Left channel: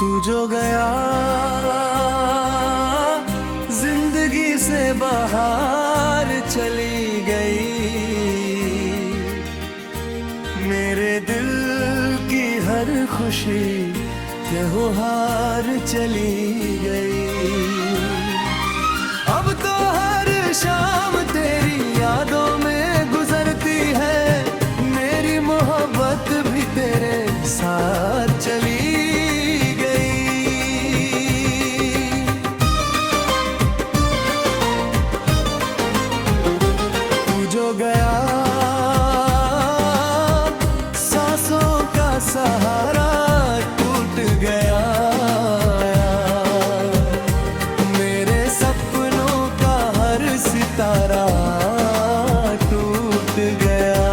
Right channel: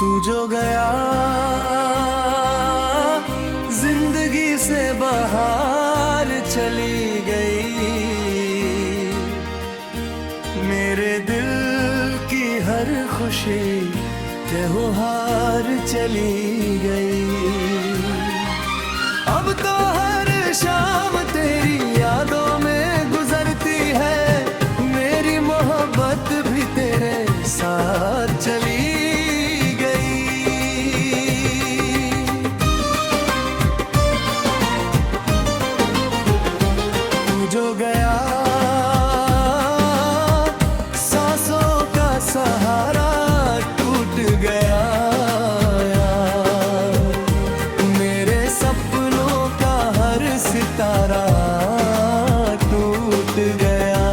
तू जो गया जिंदगी से बाहर चली गई, मेरे दिल की हर खुशी त्योहार चली गई। अब तो हर शाम तेरी यादों में गुजरती है, मेरी मोहब्बत भी तेरे साथ चली गई। तू जो गया सांसों का सहारा टूट गया, मेरे सपनों का हर सितारा टूट गया।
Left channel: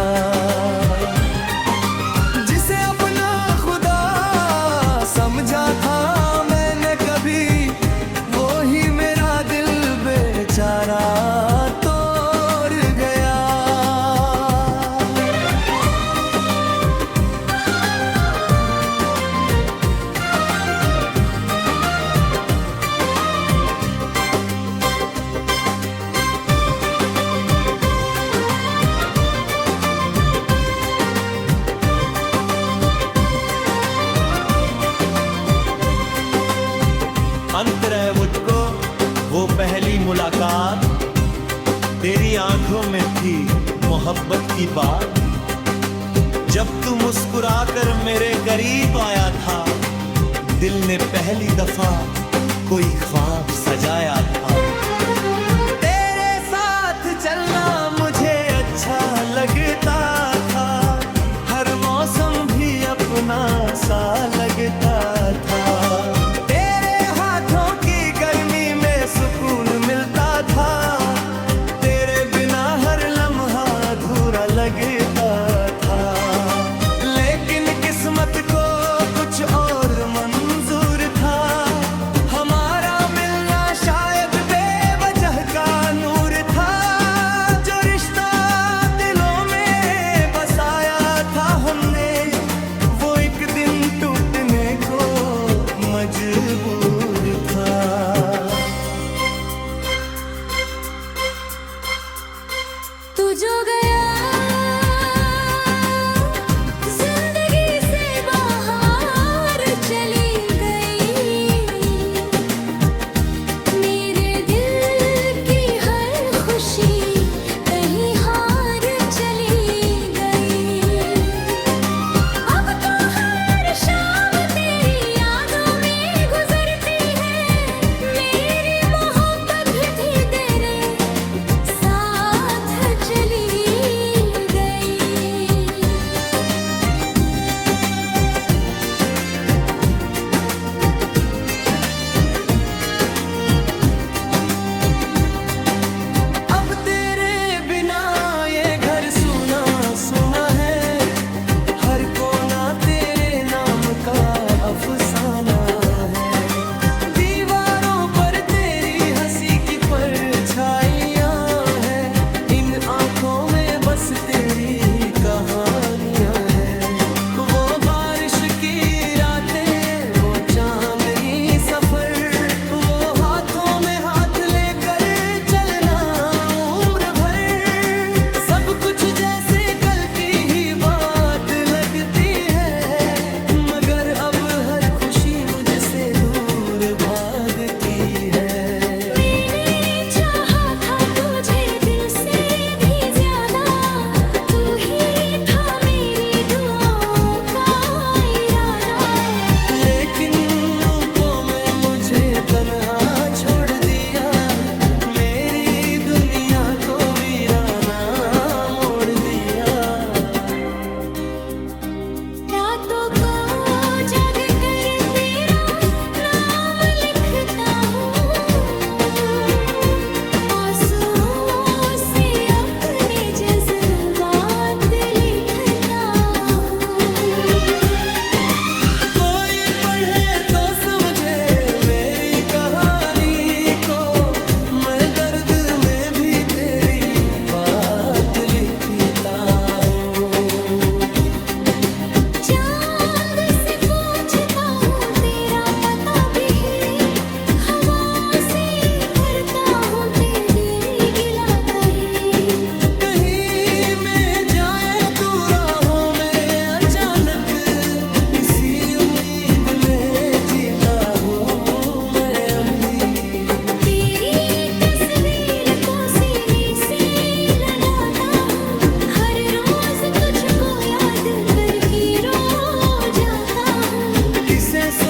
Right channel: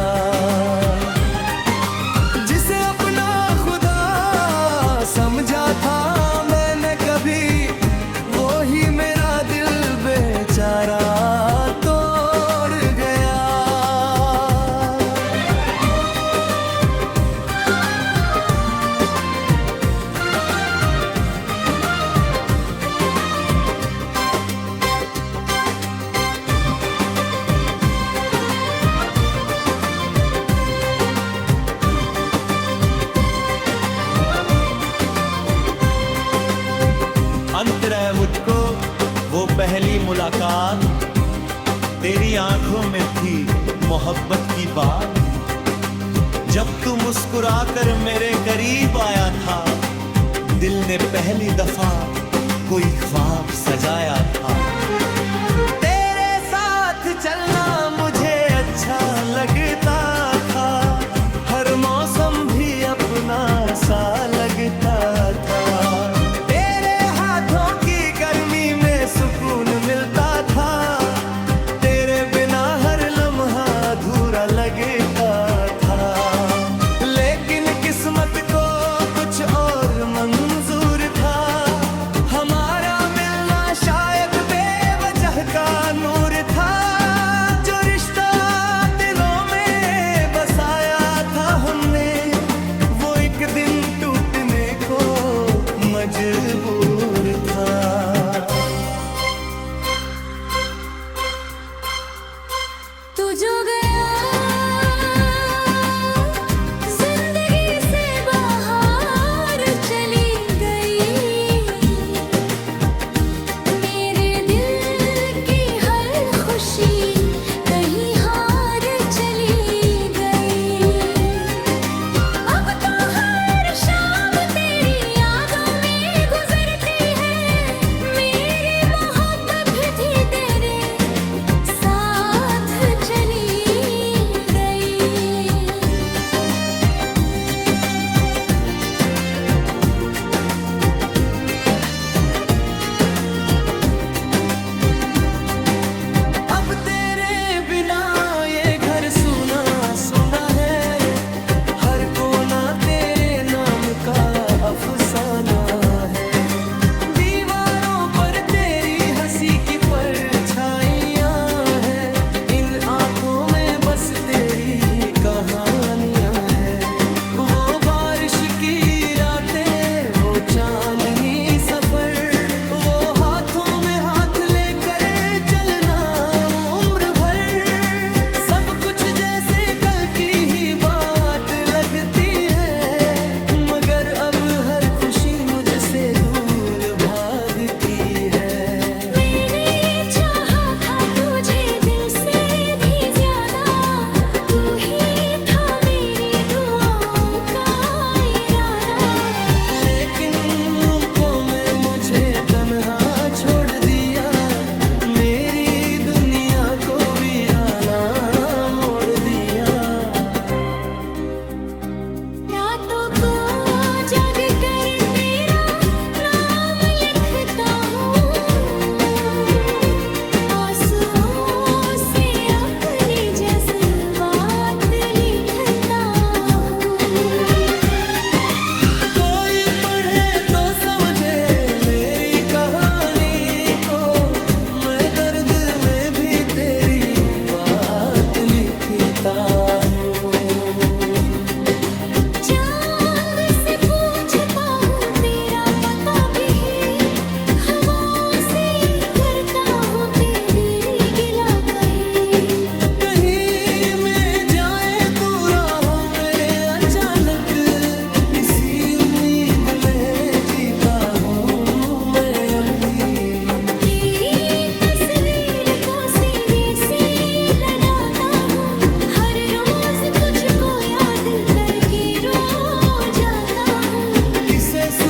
जिसे अपना खुदा समझा था मैंने कभी, वो ही मेरा दिल बेचारा तोड़ गया। अंत रहे मुझको वो पहली मुलाकात, तेरी आंखों में थी मोहब्बत की बात। जब तू मुस्कुराकर मेरे करीब आया था, दिल ने पहली दफा कोई ख्वाब सजाया था। तेरे साथ चलना मुझे अच्छा लगता था, हर मौसम भी अपना सा लगता था। सुकून मिलता था, तेरे बिना हर लम्हा अधूरा लगता था। लेकिन किस्मत को कुछ और मंजूर था, हमारा मिलना शायद बेवजह का नूर था। जो रिश्ता दिलों में बसाया था हमने, वो एक दिन टूटने को मजबूर था। तू जो गया जिंदगी से बाहर चली गई, मेरे दिल की हर खुशी कहीं हार चली गई। अब तो हर शाम तेरी यादों में गुजरती है, मेरी मोहब्बत भी तेरे साथ चली गई। अब तेरे बिना ये घर सुना सुना है, हर कोना तेरे नाम का अफसाना है। दीवारों पर तेरी हंसी की परछाइयां हैं, इन आंखों में बस तेरी ही कहानियां हैं। वो बारिश की रातें, वो चांदनी सफर, वो हाथों में हाथ लेकर चलना उम्र भर, सब कुछ जैसे कल की ही बात लगती है। मगर अब हर खुशी मुझसे दूर भागती है। मैंने चाहा था तुझे दिल से भी ज्यादा, तू ही था मेरी दुआओं का इरादा। लेकिन वो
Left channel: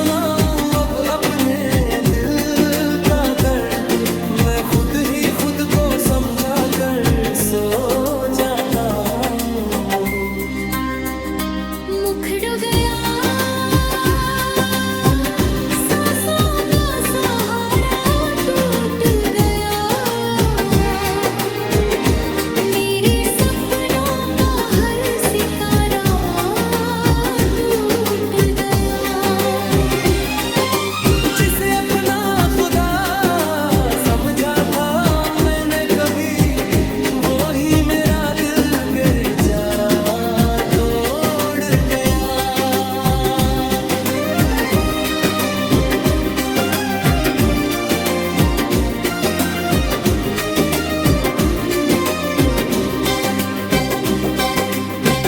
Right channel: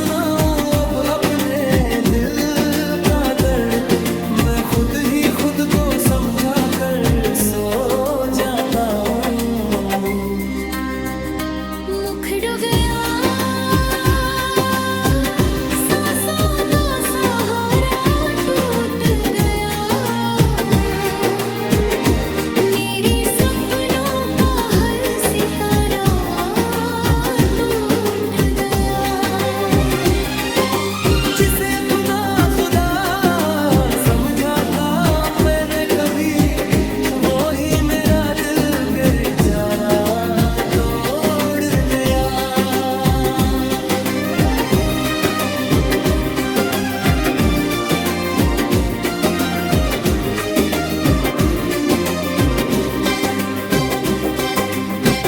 सुनाऊं अब अपने दिल का दर्द, मैं खुद ही खुद को समझा कर सो जाता हूँ। मुखड़ो गया सांसों का सहारा टूट गया, मेरे सपनों का हर सितारा टूट गया। जिसे अपना खुदा समझा था मैंने कभी, वो ही मेरा दिल बेचारा तोड़ गया।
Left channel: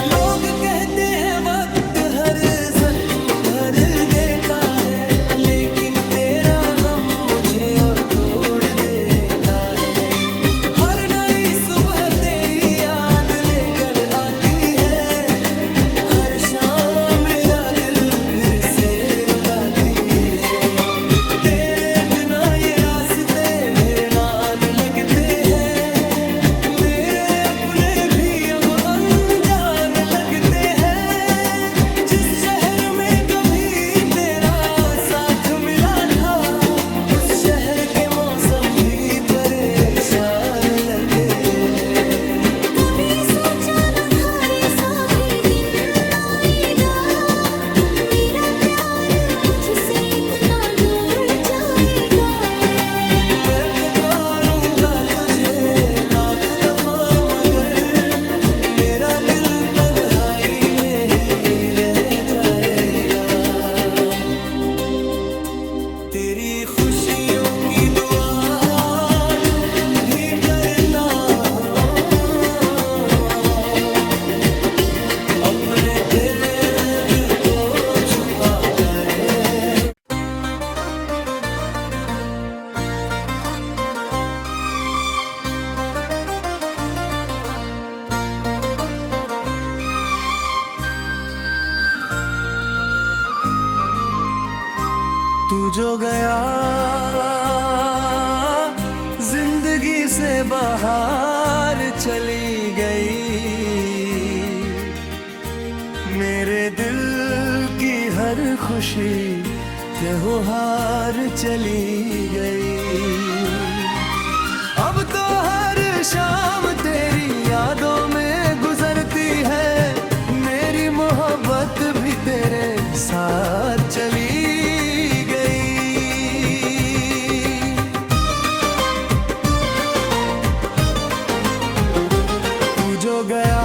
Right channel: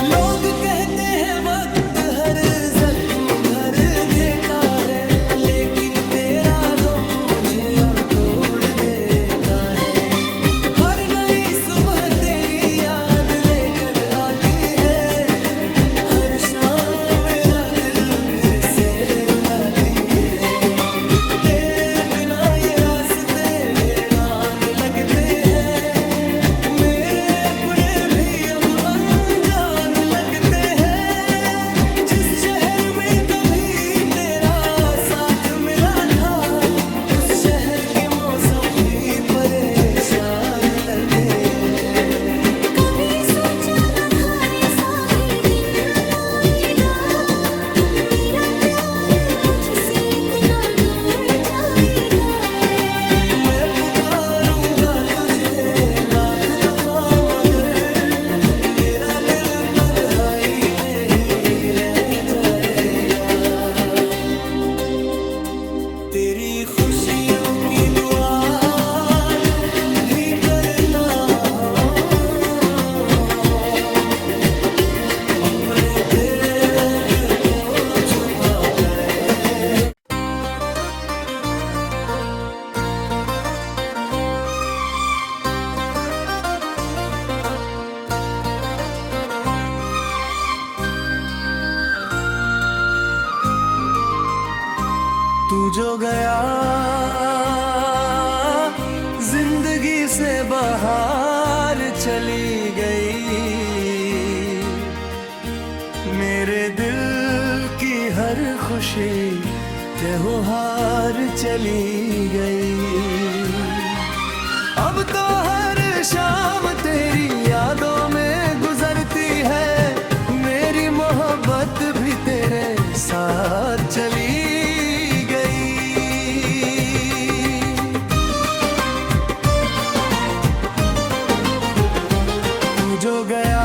लोग कहते हैं वक्त हर जख्म भर देता है, लेकिन तेरा गम मुझे और तोड़ देता है। हर नई सुबह तेरी याद लेकर आती है, हर शाम मेरा दिल फिर से रुलाती है। तेरे बिना ये रास्ते वीरान लगते हैं, मेरे अपने भी अब अनजान लगते हैं। जिस शहर में कभी तेरा साथ मिला था, उस शहर के मौसम भी परेशान लगते हैं। कभी सोचा न था ऐसा भी दिन आएगा, मेरा प्यार मुझसे इतना दूर जाएगा। मैं पुकारूंगा तुझे लाख दफा, मगर मेरा दिल तन्हाई में ही रह जाएगा। तेरी खुशियों की दुआ आज भी करता हूँ, अपने तेरे दिल को छुपाता है। तू जो गया जिंदगी से बाहर चली गई, मेरे दिल की हर खुशी त्योहार चली गई। अब तो हर शाम तेरी यादों में गुजरती है, मेरी मोहब्बत भी तेरे साथ चली गई। तू जो गया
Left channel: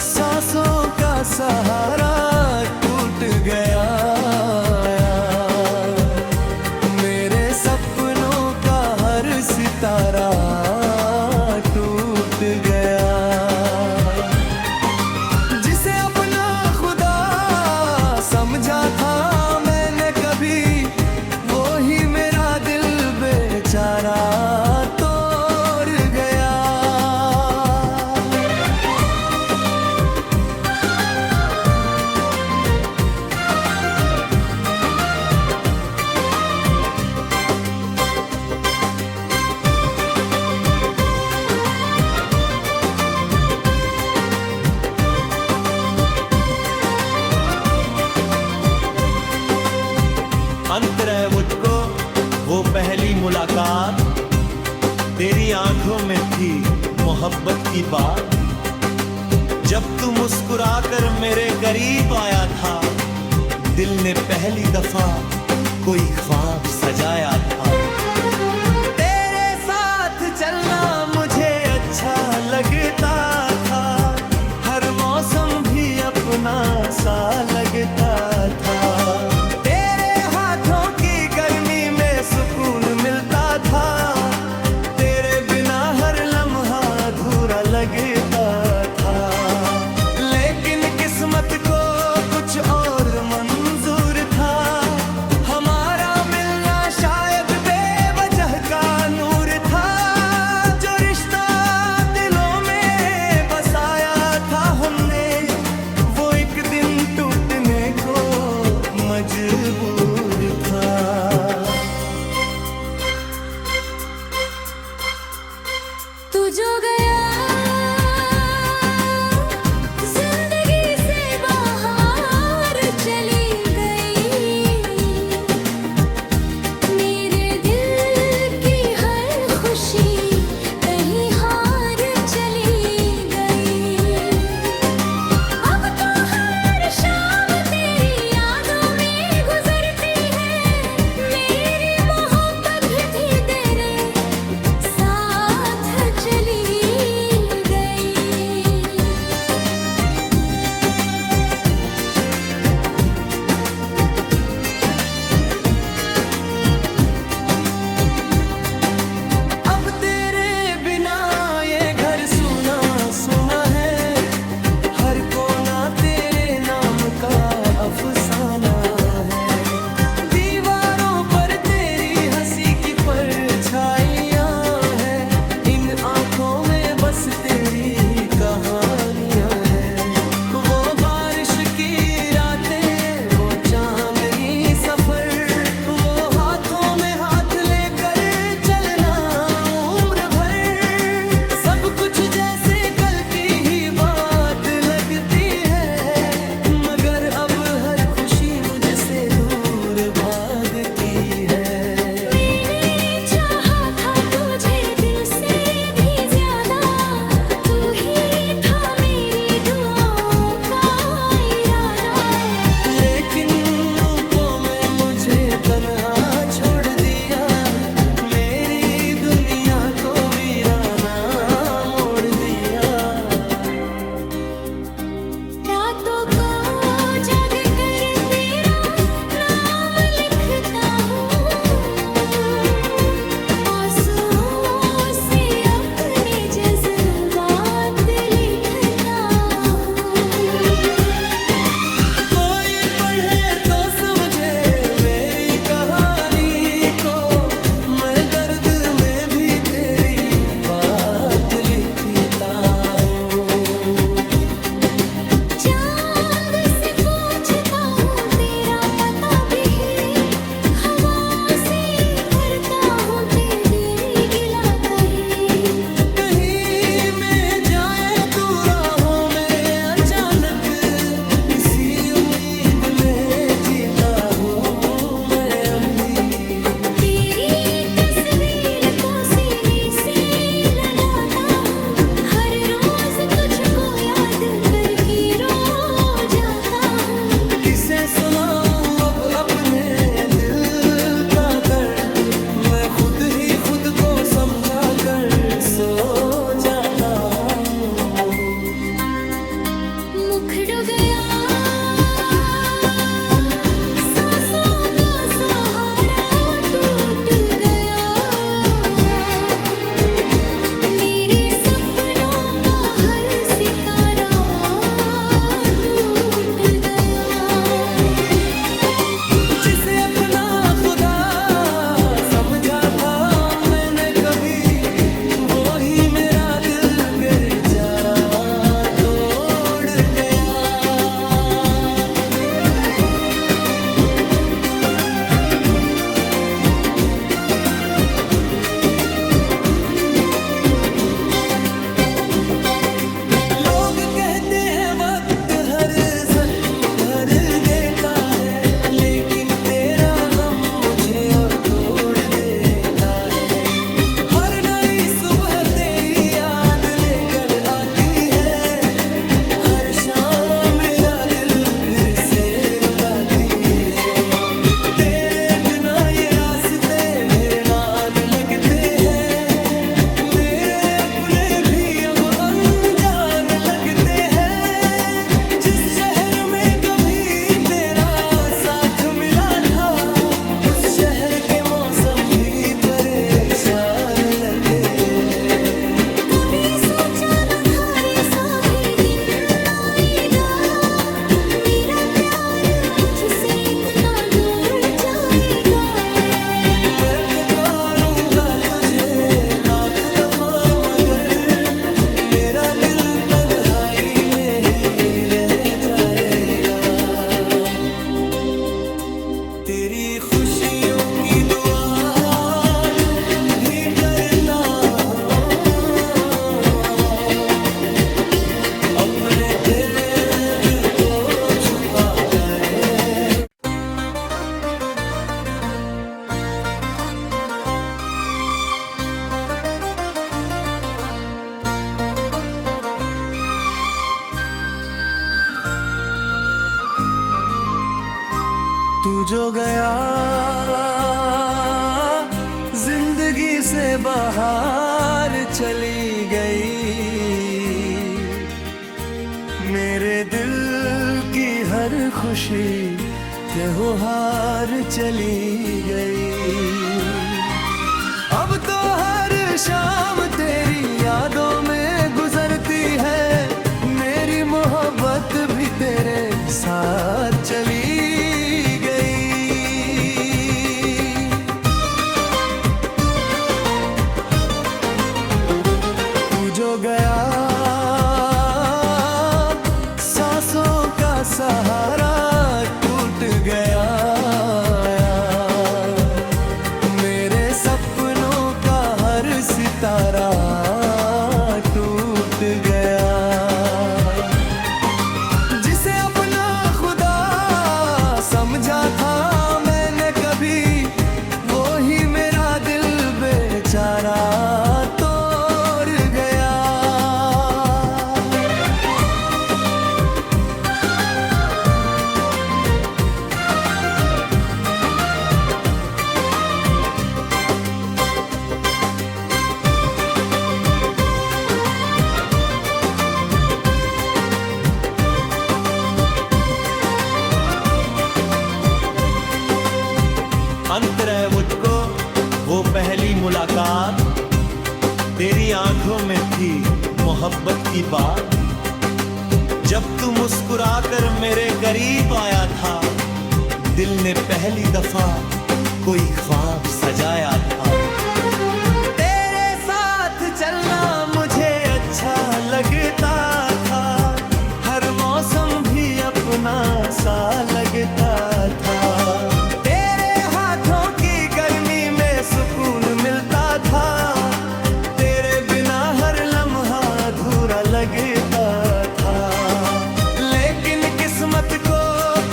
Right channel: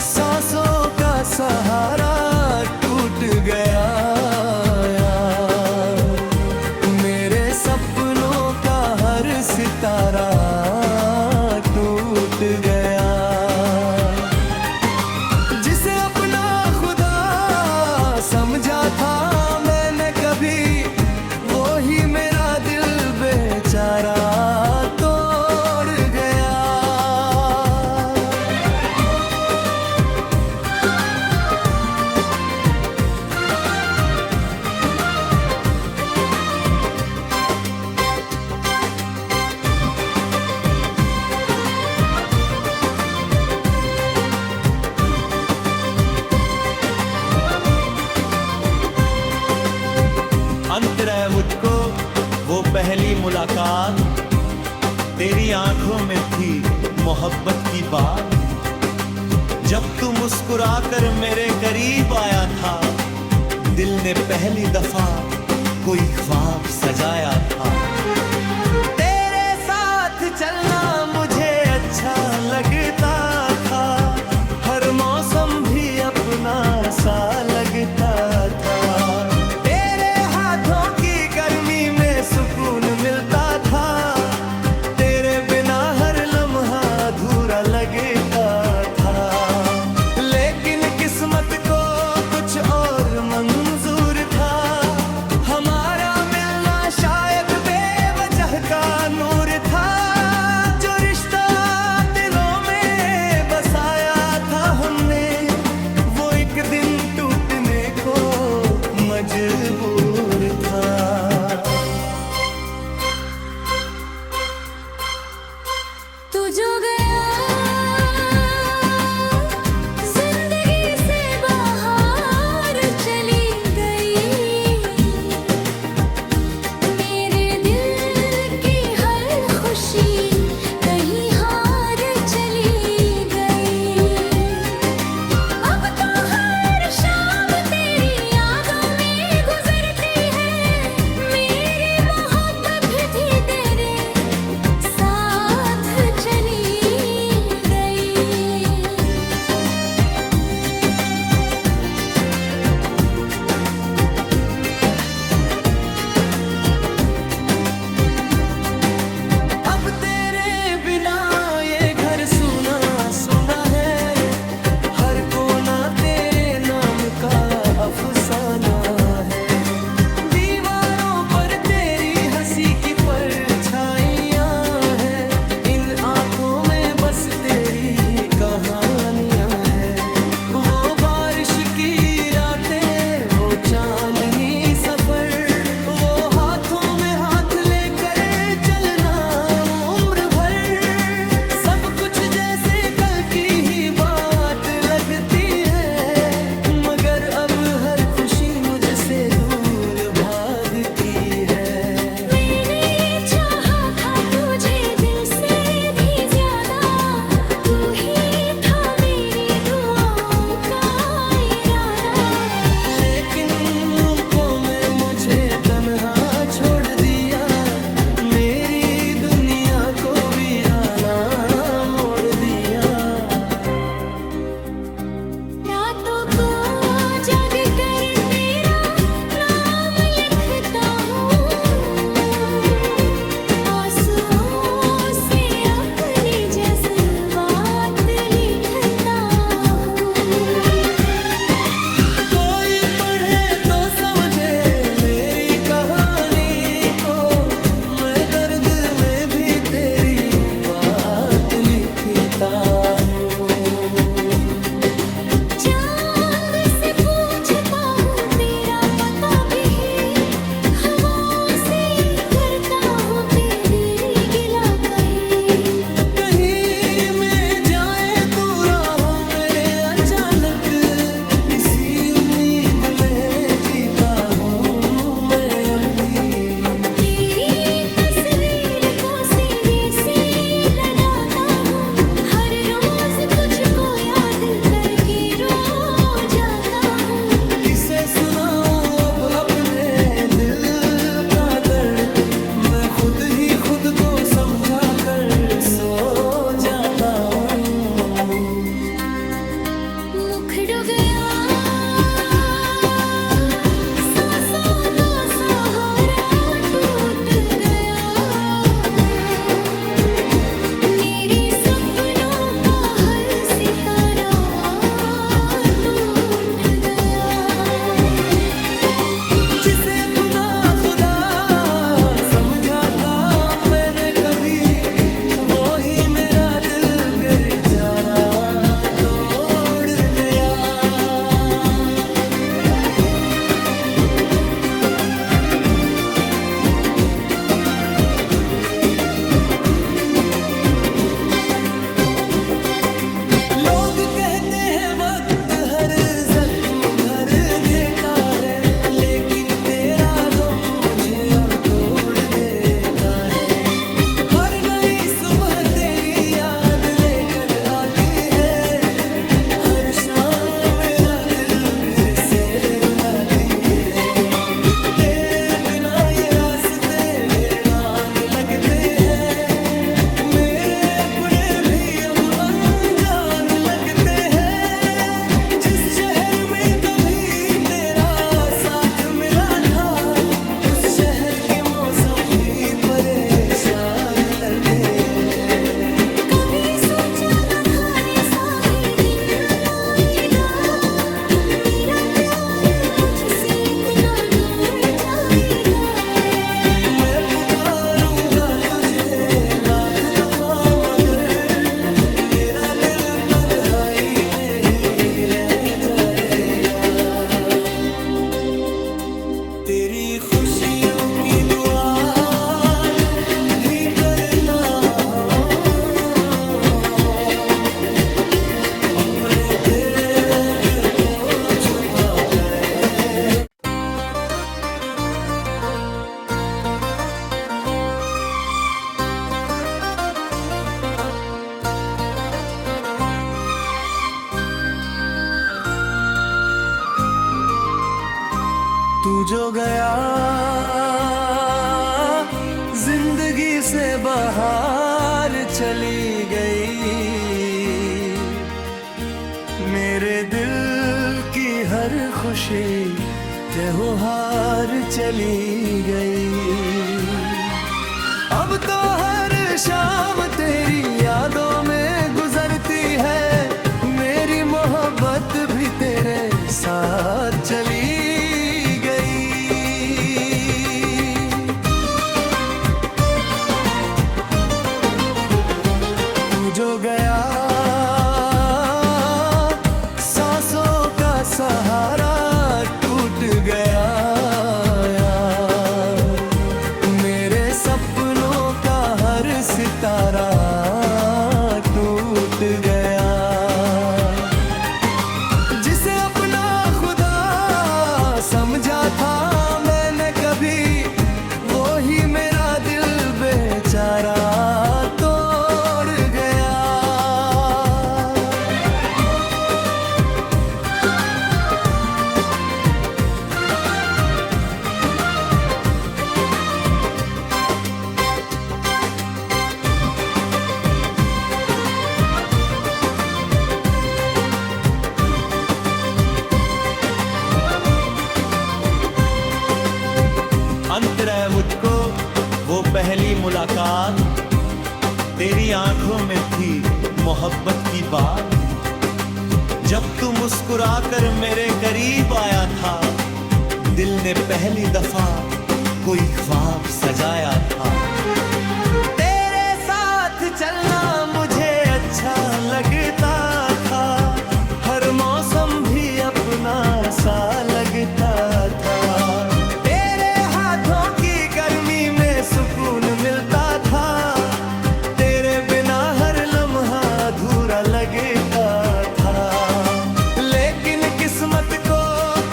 सांसों का सहारा टूट गया, मेरे सपनों का हर सितारा टूट गया। जिसे अपना खुदा समझा था मैंने कभी, वो ही मेरा दिल बेचारा तोड़ गया। अंत रहे मुझको वो पहली मुलाकात, तेरी आंखों में थी मोहब्बत की बात। जब तू मुस्कुराकर मेरे करीब आया था, दिल ने पहली दफा कोई ख्वाब सजाया था। तेरे साथ चलना मुझे अच्छा लगता था, हर मौसम भी अपना सा लगता था। सुकून मिलता था, तेरे बिना हर लम्हा अधूरा लगता था। लेकिन किस्मत को कुछ और मंजूर था, हमारा मिलना शायद बेवजह का नूर था। जो रिश्ता दिलों में बसाया था हमने, वो एक दिन टूटने को मजबूर था। तू जो गया जिंदगी से बाहर चली गई, मेरे दिल की हर खुशी कहीं हार चली गई। अब तो हर शाम तेरी यादों में गुजरती है, मेरी मोहब्बत भी तेरे साथ चली गई। अब तेरे बिना ये घर सुना सुना है, हर कोना तेरे नाम का अफसाना है। दीवारों पर तेरी हंसी की परछाइयाँ हैं, इन आंखों में बस तेरी ही कहानियाँ हैं। वो बारिश की रातें, वो चांदनी सफर, वो हाथों में हाथ लेकर चलना उम्र भर, सब कुछ जैसे कल की ही बात लगती है। मगर अब हर खुशी मुझसे दूर भागती है। मैंने चाहा था तुझे दिल से भी ज्यादा, तू ही था मेरी दुआओं का इरादा। लेकिन वो में मुझे तन्हा छोड़ दिया, मेरी दुनिया को वीराना मोड़ दिया। रातों को जग कर तेरा नाम लिखता हूँ, आंसुओं से अपने जज्बात लिखता हूँ। कोई पढ़े तो समझे मेरी कहानी को, मैं दर्द में भी तेरी बात लिखता हूँ। चांद से पूछता हूँ तेरा पता भी, हवाओं से करता हूँ तेरी गिला कही। कहीं में जाए तू राहों में अचानक, इसी उम्मीद में जीता हूँ मैं अभी। तेरी तस्वीर को सीने से लगाता हूँ, हर रोज तुझको याद करके रो जाता हूँ। किसे सुनाऊं अब अपने दिल का दर्द, मैं खुद ही खुद को समझा कर सो जाता हूँ। मुखड़ो गया सांसों का सहारा टूट गया, मेरे सपनों का हर सितारा टूट गया। जिसे अपना खुदा समझा था मैंने कभी, वो ही मेरा दिल बेचारा तोड़ गया। लोग कहते हैं वक्त हर जख्म भर देता है, लेकिन तेरा गम मुझे और तोड़ देता है। हर नई सुबह तेरी याद लेकर आती है, हर शाम मेरा दिल फिर से रुलाती है। तेरे बिना ये रास्ते वीरान लगते हैं, मेरे अपने भी अब अनजान लगते हैं। जिस शहर में कभी तेरा साथ मिला था, उस शहर के मौसम भी परेशान लगते हैं। कभी सोचा न था ऐसा भी दिन आएगा, मेरा प्यार मुझसे इतना दूर जाएगा। मैं पुकारूंगा तुझे लाख दफा, मगर मेरा दिल तन्हाई में ही रह जाएगा। तेरी खुशियों की दुआ आज भी करता हूँ, अपने तेरे दिल को छुपाता है। तू जो गया जिंदगी से बाहर चली गई, मेरे दिल की हर खुशी त्योहार चली गई। अब तो हर शाम तेरी यादों में गुजरती है, मेरी मोहब्बत भी तेरे साथ चली गई। तू जो गया सांसों का सहारा टूट गया, मेरे सपनों का हर सितारा टूट गया। जिसे अपना खुदा समझा था मैंने कभी, वो ही मेरा दिल बेचारा तोड़ गया। अंत रहे मुझको वो पहली मुलाकात, तेरी आंखों में थी मोहब्बत की बात। जब तू मुस्कुराकर मेरे करीब आया था, दिल ने पहली दफा कोई ख्वाब सजाया था। तेरे साथ चलना मुझे अच्छा लगता था, हर मौसम भी अपना सा लगता था। सुकून मिलता था, तेरे बिना हर लम्हा अधूरा लगता था। लेकिन किस्मत को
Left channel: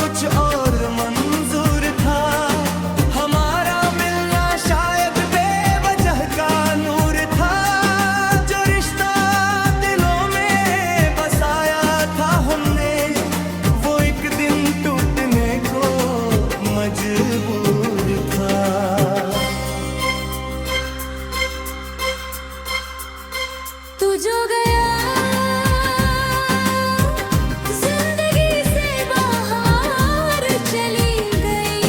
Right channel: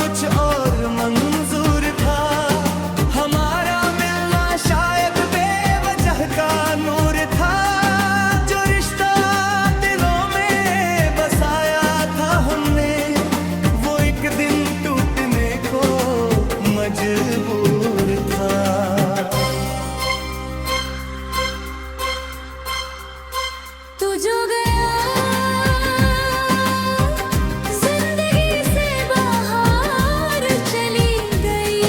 कुछ और मंजूर था, हमारा मिलना शायद बेवजह का नूर था। जो रिश्ता दिलों में बसाया था हमने, वो एक दिन टूटने को मजबूर था। तू जो गया जिंदगी से बाहर चली गई,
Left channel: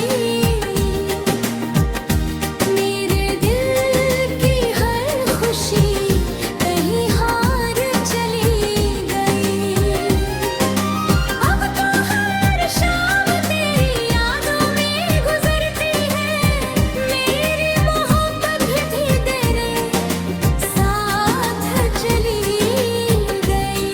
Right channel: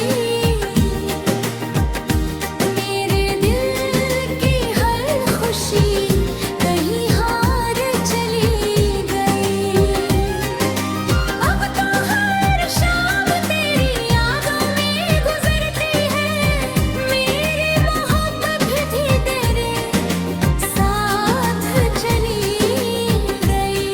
मेरे दिल की हर खुशी कहीं हार चली गई। अब तो हर शाम तेरी यादों में गुजरती है, मेरी मोहब्बत भी तेरे साथ चली गई।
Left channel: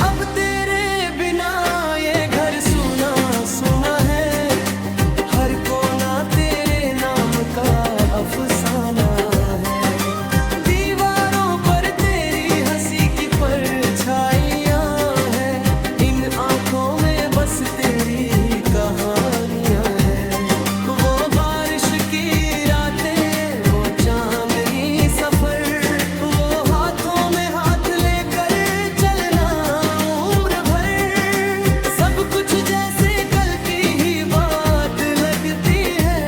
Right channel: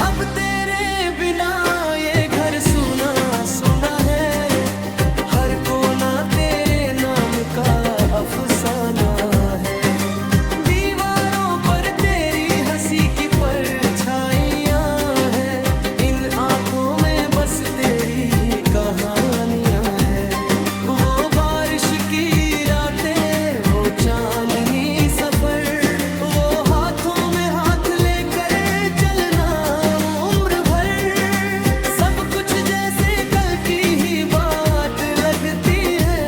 अब तेरे बिना ये घर सुना सुना है, हर कोना तेरे नाम का अफसाना है। दीवारों पर तेरी हंसी की परछाइयाँ हैं, इन आंखों में बस तेरी ही कहानियाँ हैं। वो बारिश की रातें, वो चांदनी सफर, वो हाथों में हाथ लेकर चलना उम्र भर, सब कुछ जैसे कल की ही बात लगती है।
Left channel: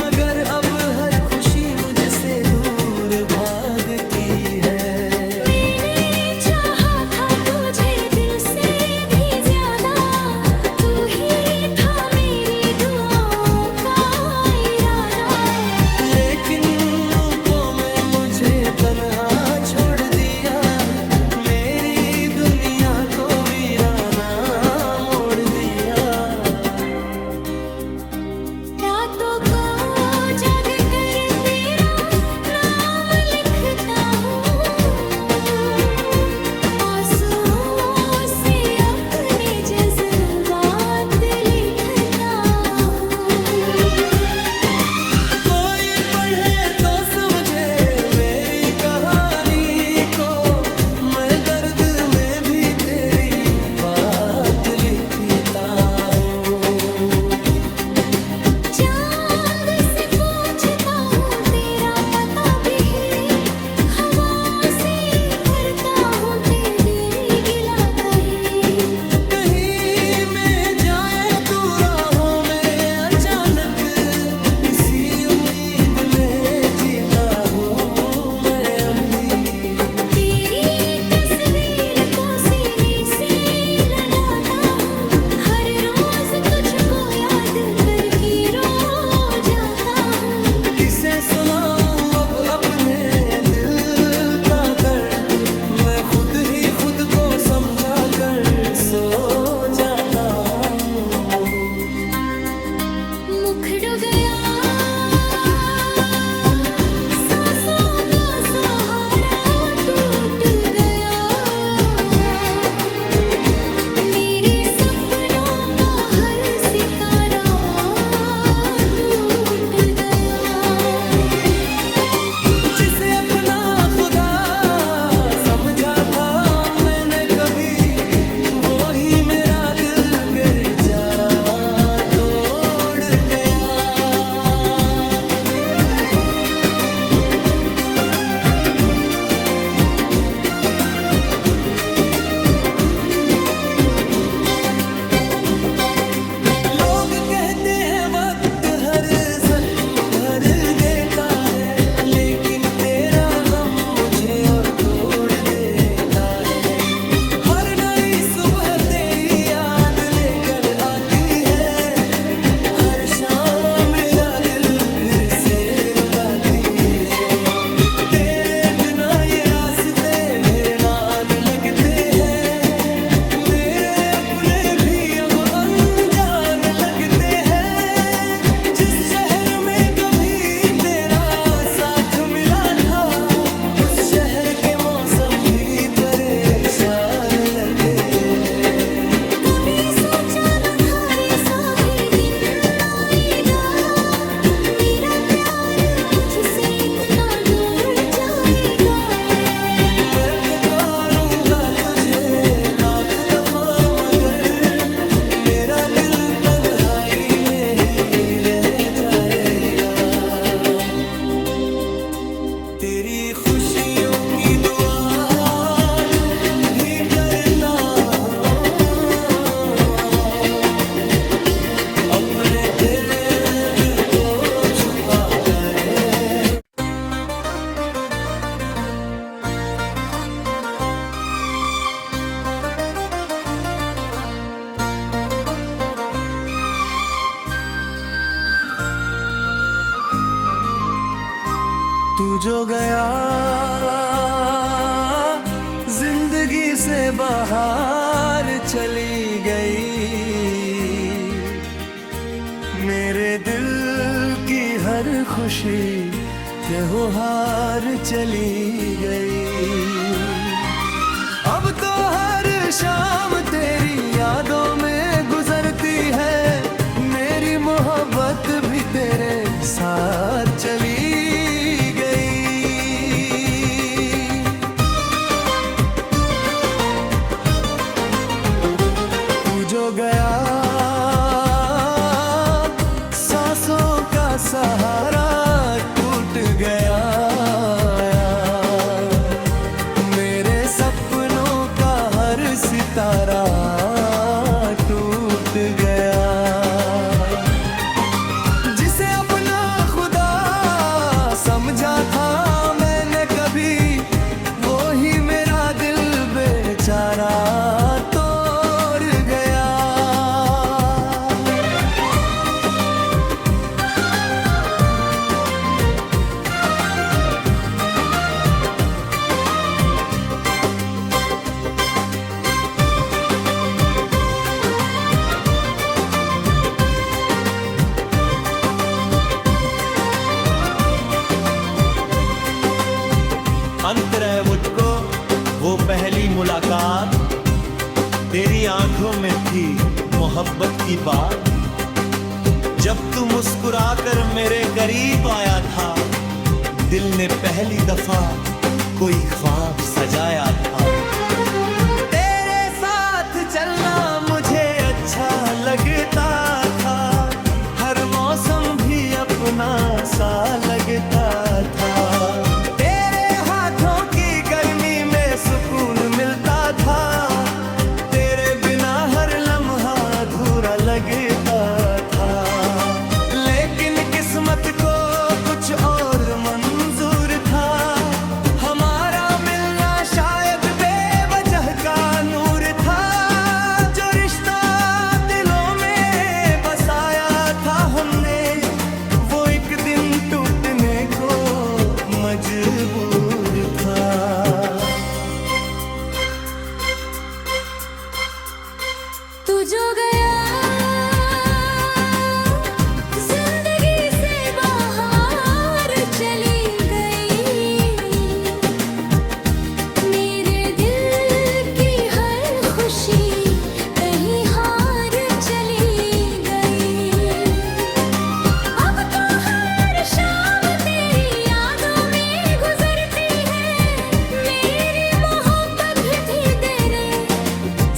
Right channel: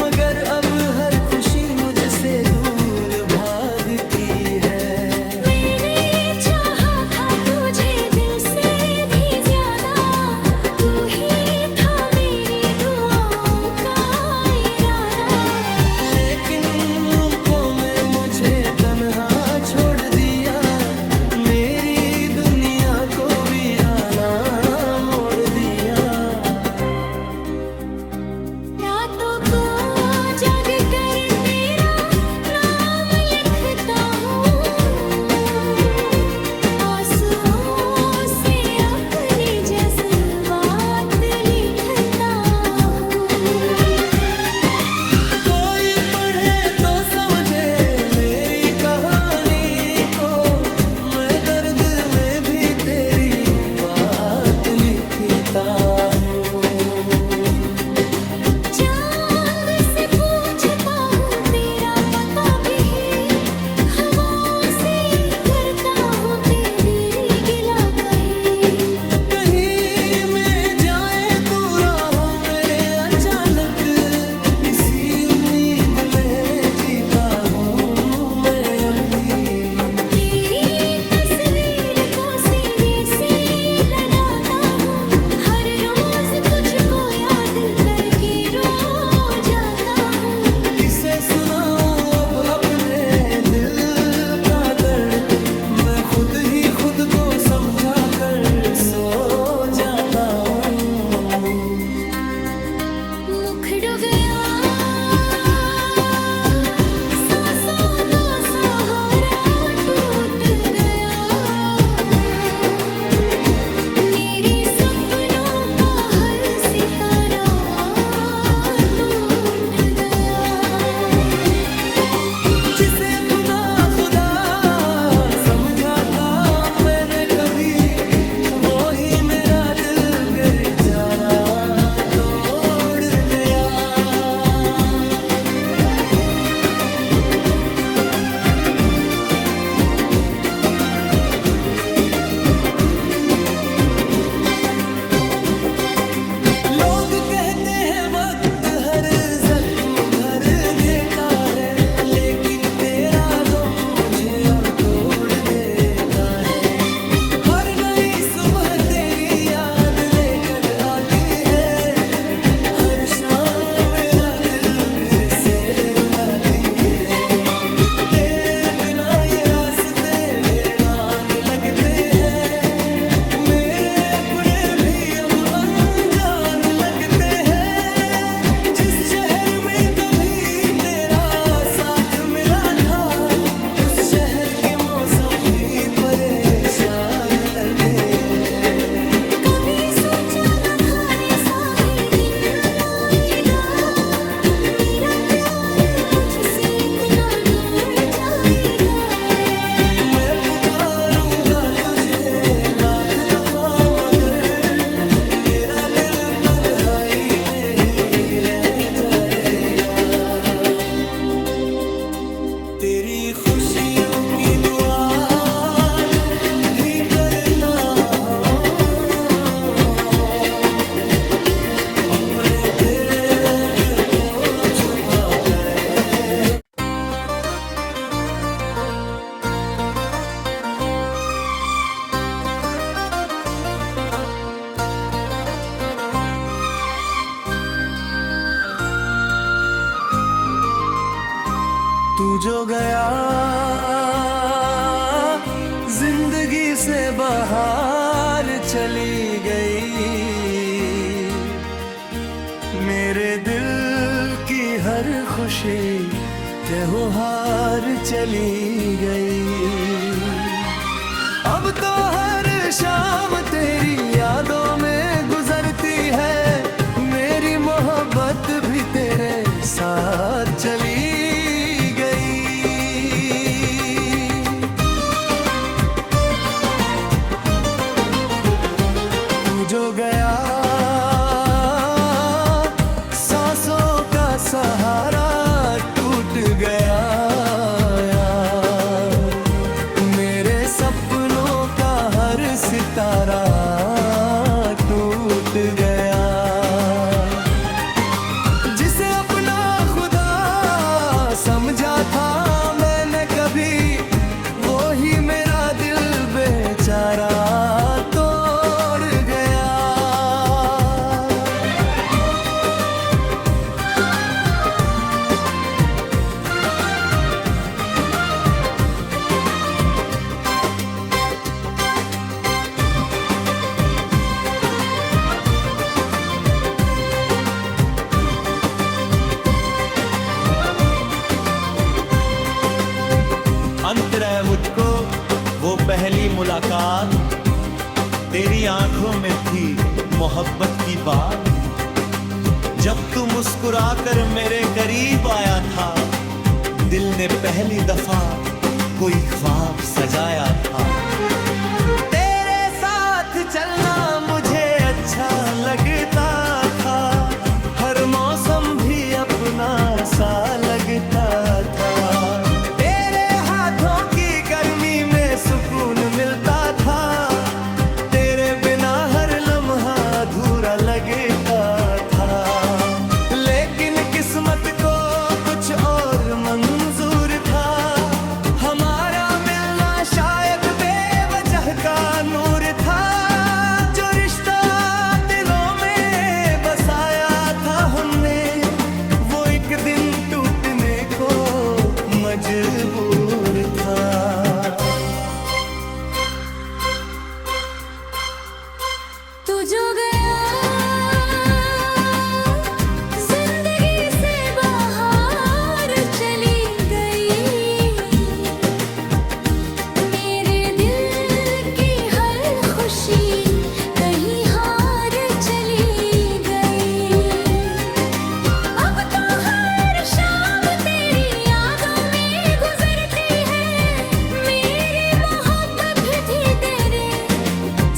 मगर अब हर खुशी मुझसे दूर भागती है। मैंने चाहा था तुझे दिल से भी ज्यादा, तू ही था मेरी दुआओं का इरादा। लेकिन सुनाऊं अब अपने दिल का दर्द, मैं खुद ही खुद को समझा कर सो जाता हूँ। मुखड़ो गया सांसों का सहारा टूट गया, मेरे सपनों का हर सितारा टूट गया। जिसे अपना खुदा समझा था मैंने कभी, वो ही मेरा दिल बेचारा तोड़ गया। लोग कहते हैं वक्त हर जख्म भर देता है, लेकिन तेरा गम मुझे और तोड़ देता है। हर नई सुबह तेरी याद लेकर आती है, हर शाम मेरा दिल फिर से रुलाती है। तेरे बिना ये रास्ते वीरान लगते हैं, मेरे अपने भी अब अनजान लगते हैं। जिस शहर में कभी तेरा साथ मिला था, उस शहर के मौसम भी परेशान लगते हैं। कभी सोचा न था ऐसा भी दिन आएगा, मेरा प्यार मुझसे इतना दूर जाएगा। मैं पुकारूंगा तुझे लाख दफा, मगर मेरा दिल तन्हाई में ही रह जाएगा। तेरी खुशियों की दुआ आज भी करता हूँ, अपने तेरे दिल को छुपाता है। तू जो गया जिंदगी से बाहर चली गई, मेरे दिल की हर खुशी त्योहार चली गई। अब तो हर शाम तेरी यादों में गुजरती है, मेरी मोहब्बत भी तेरे साथ चली गई। तू जो गया सांसों का सहारा टूट गया, मेरे सपनों का हर सितारा टूट गया। जिसे अपना खुदा समझा था मैंने कभी, वो ही मेरा दिल बेचारा तोड़ गया। अंत रहे मुझको वो पहली मुलाकात, तेरी आंखों में थी मोहब्बत की बात। जब तू मुस्कुराकर मेरे करीब आया था, दिल ने पहली दफा कोई ख्वाब सजाया था। तेरे साथ चलना मुझे अच्छा लगता था, हर मौसम भी अपना सा लगता था। सुकून मिलता था, तेरे बिना हर लम्हा अधूरा लगता था। लेकिन किस्मत को कुछ और मंजूर था, हमारा मिलना शायद बेवजह का नूर था। जो रिश्ता दिलों में बसाया था हमने, वो एक दिन टूटने को मजबूर था। तू जो गया जिंदगी से बाहर चली गई, मेरे दिल की हर खुशी कहीं हार चली गई। अब तो हर शाम तेरी यादों में गुजरती है, मेरी मोहब्बत भी तेरे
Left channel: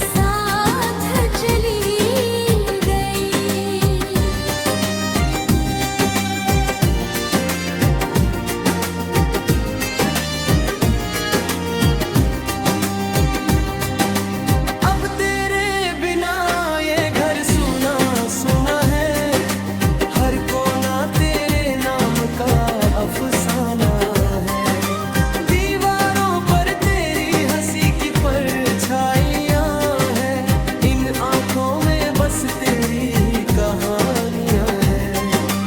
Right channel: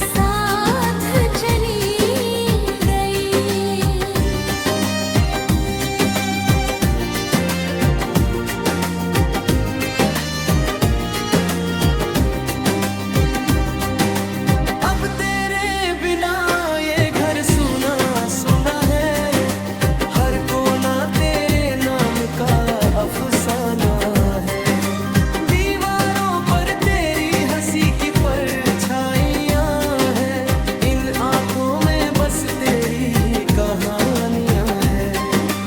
साथ चली गई। अब तेरे बिना ये घर सुना सुना है, हर कोना तेरे नाम का अफसाना है। दीवारों पर तेरी हंसी की परछाइयां हैं, इन आंखों में बस तेरी ही कहानियां हैं।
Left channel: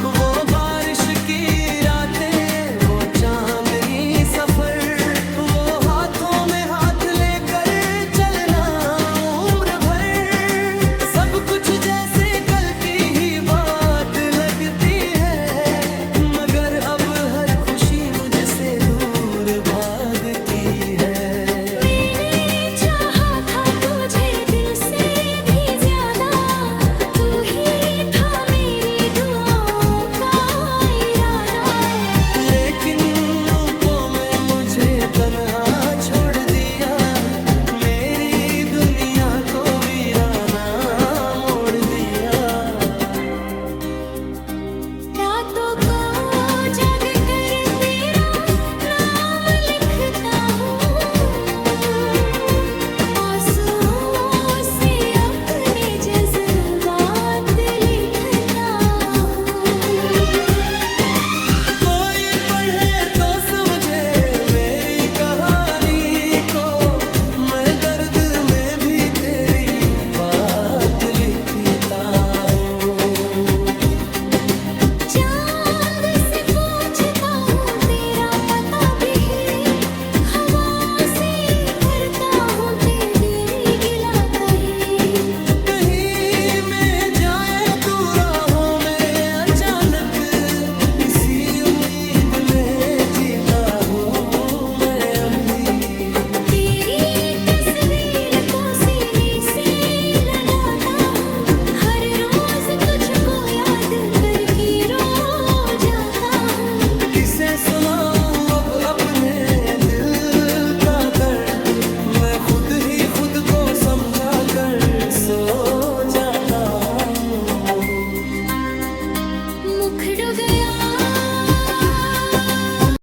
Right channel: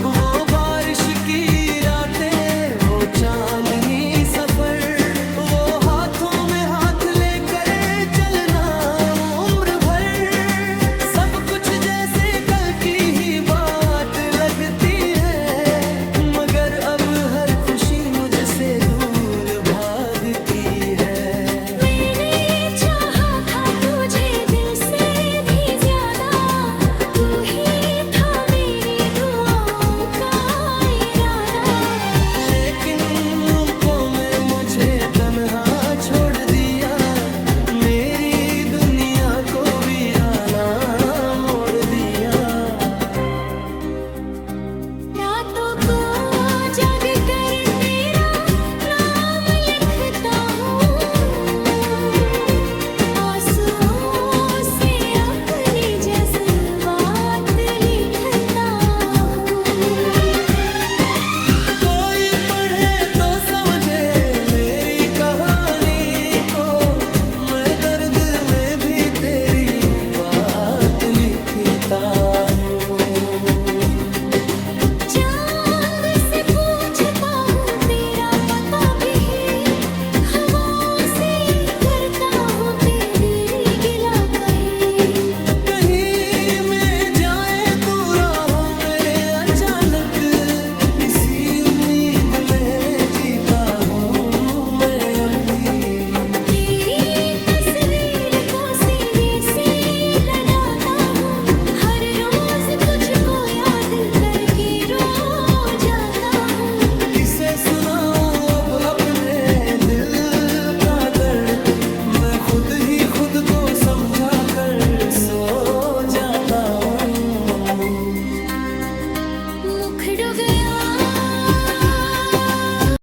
वो बारिश की रातें, वो चांदनी सफर, वो हाथों में हाथ लेकर चलना उम्र भर, सब कुछ जैसे कल की ही बात लगती है। मगर अब हर खुशी मुझसे दूर भागती है। मैंने चाहा था तुझे दिल से भी ज्यादा, तू ही था मेरी दुआओं का इरादा। लेकिन रूपों में मुझे तन्हा छोड़ दिया, मेरी दुनिया को वीराना मोड़ दिया। रातों को जाग कर तेरा नाम लिखता हूँ, आंसुओं से अपने जज्बात लिखता हूँ। कोई पढ़े तो समझे मेरी कहानी को, मैं दर्द में भी तेरी बात लिखता हूँ। चांद से पूछता हूँ तेरा पता भी, हवाओं से करता हूँ तेरी गिला कहीं। कहीं में जाए तू राहों में अचानक, इसी उम्मीद में जीता हूँ मैं अभी। तेरी तस्वीर को सीने से लगाता हूँ, हर रोज तुझको याद करके रो जाता हूँ। किसे सुनाऊं अब अपने दिल का दर्द, मैं खुद ही खुद को समझा कर सो जाता हूँ। मुखड़ गया